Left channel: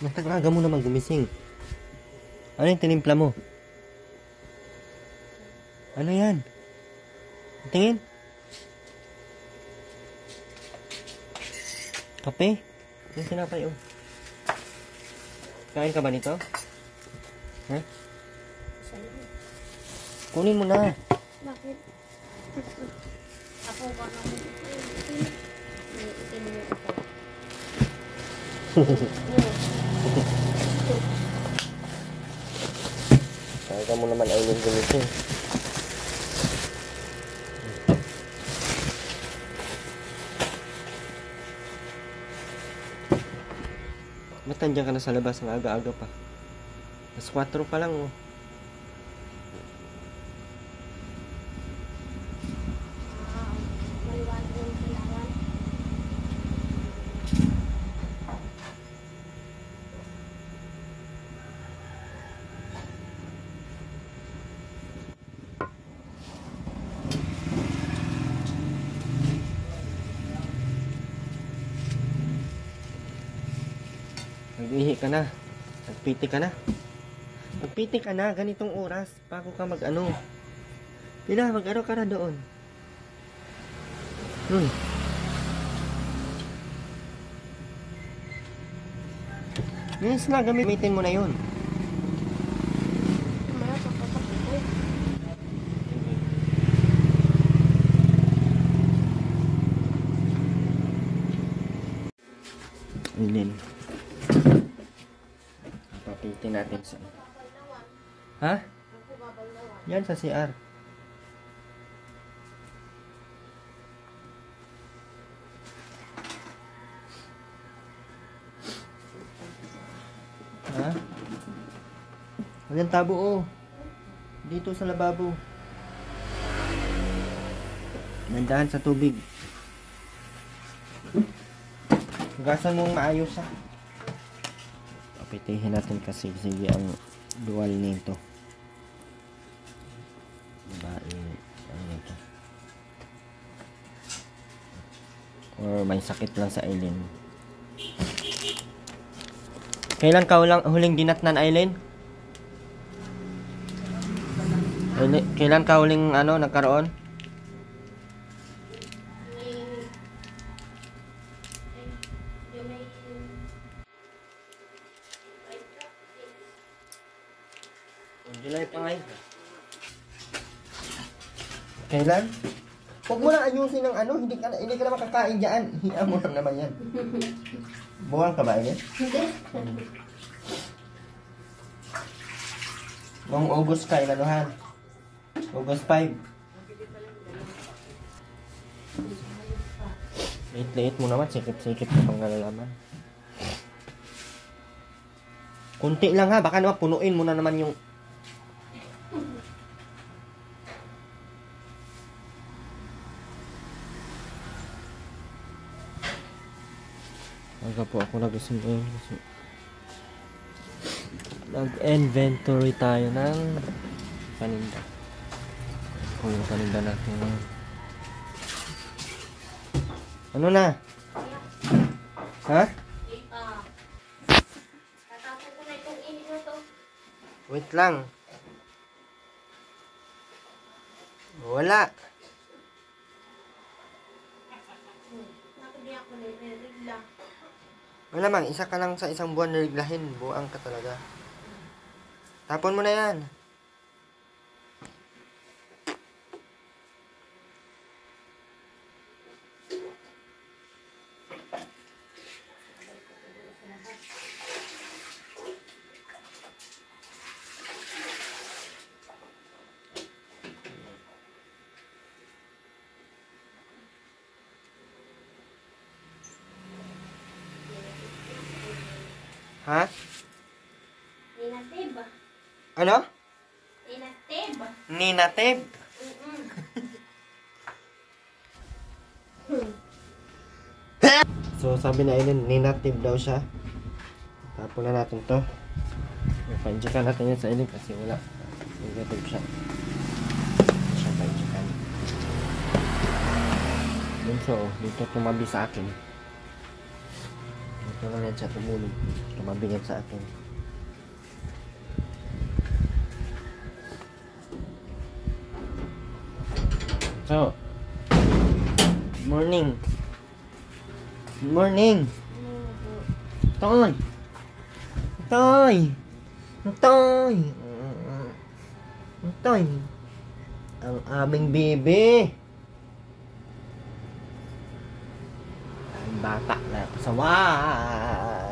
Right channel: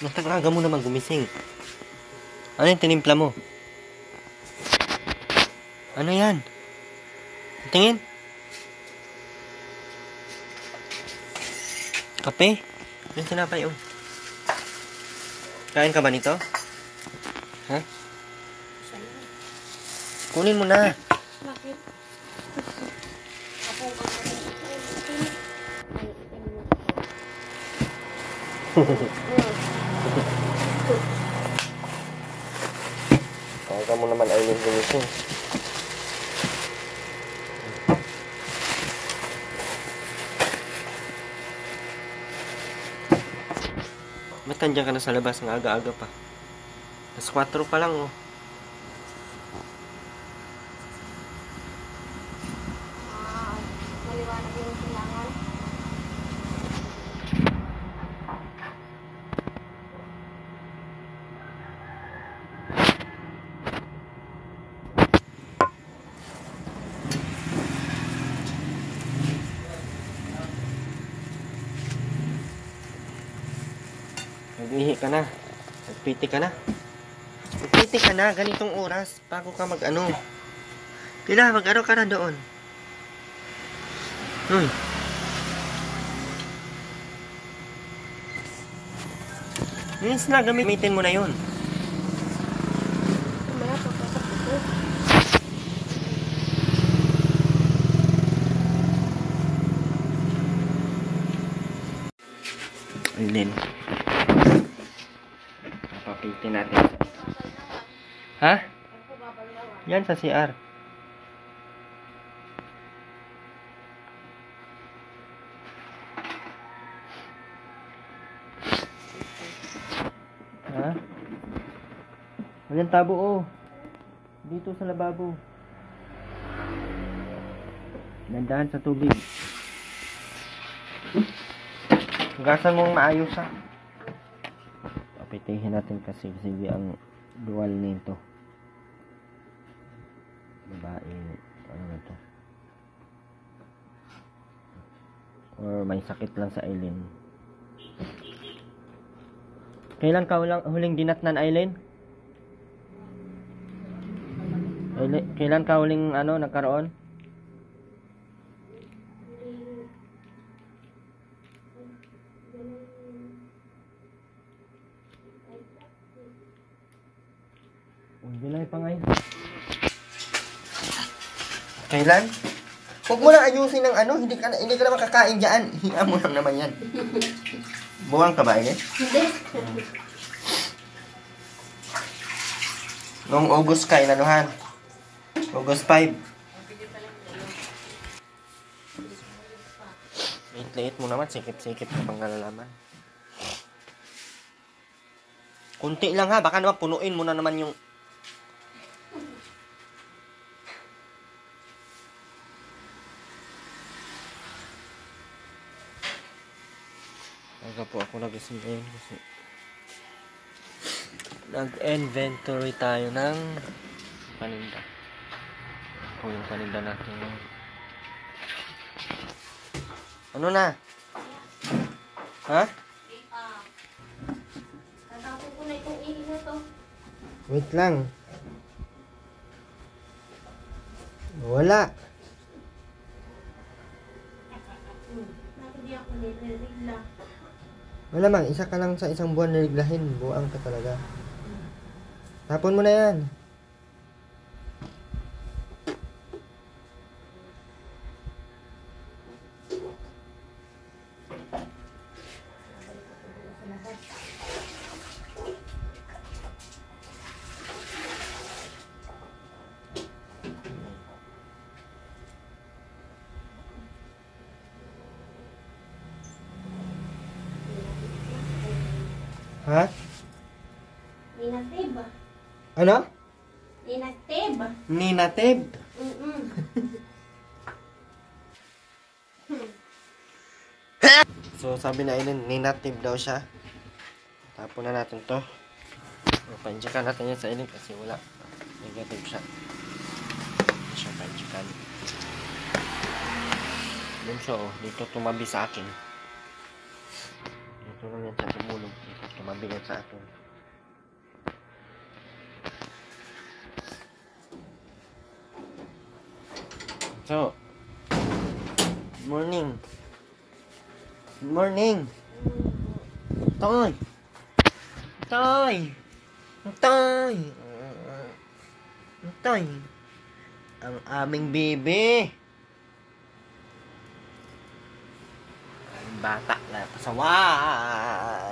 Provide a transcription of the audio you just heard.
Natag-aga mo naman gumising. Ano yung tinimpla mo? Ano yan? Tingin. Kape? Yung sinapay, oh. Kain ka ba nito? Ha? Kunin mo na. Bakit? Ako ba nga rin ito? Ay, itin Kaya mo naman ay yung gumising. Ba't nandiyan ka na sa labas ng aga-aga pa? Mas 4 pa lang, oh. Maliwanag yung kailangan. Nag-ihi ka na. Nagpiti ka na. Nagpiti ka na. Ganitong oras. Bago ka mag-ano. Tila, mag-ano ka na doon. Minis na, gamitin mo na yun. Mamaya pagkakapo ko. Alin. Papitin natin sa... Ha? Yan sa CR. Ha? Walang tabo, oh. Dito sa lababo. Nandahan sa tubig. Hugasan mong maayos, ha. Papitihin natin kasi sige ang dual nito. Babae, ano nito? Or may sakit lang sa Aileen. Kailan ka huling dinatnan, Aileen? Kailan ka huling nagkaroon? July pa ngayon. Kailan? Huwag mo na ayusin ng hindi ka na makakain dyan. Hiya mo lang naman yan. Buwang ka ba, Aileen? Hindi. Noong August ka, inanuhan. August 5. Liit-liit mo naman, sikip-sikip ka pang nalalaman. Kunti lang, ha, baka naman punuin mo na naman yung... Aga po ako nagising ngayon kasi nag-inventory tayo ng paninda. Po yung paninda natin ngayon. Ano na? Ha? Wait lang. Wala. Malamang, isa ka lang sa isang buwan na riglahin. Buang ka talaga. Tapon mo na yan. Ha? Ninatib. Ano? Ninatib. Ninatib? So sabi na Aileen, ninatib daw siya. Tapon na natin to. Panjikan natin yan sa Aileen kasi wala. Negative siya. Hindi siya panjikan. Yun siya, oh. Dito tumabi sa akin. Ito lang yan siya tumulog. Tumabigan sa atin. So, good morning. Good morning. Toy. Toy. Toy. Toy. Ang aming bebe. Ang bata na pasaway.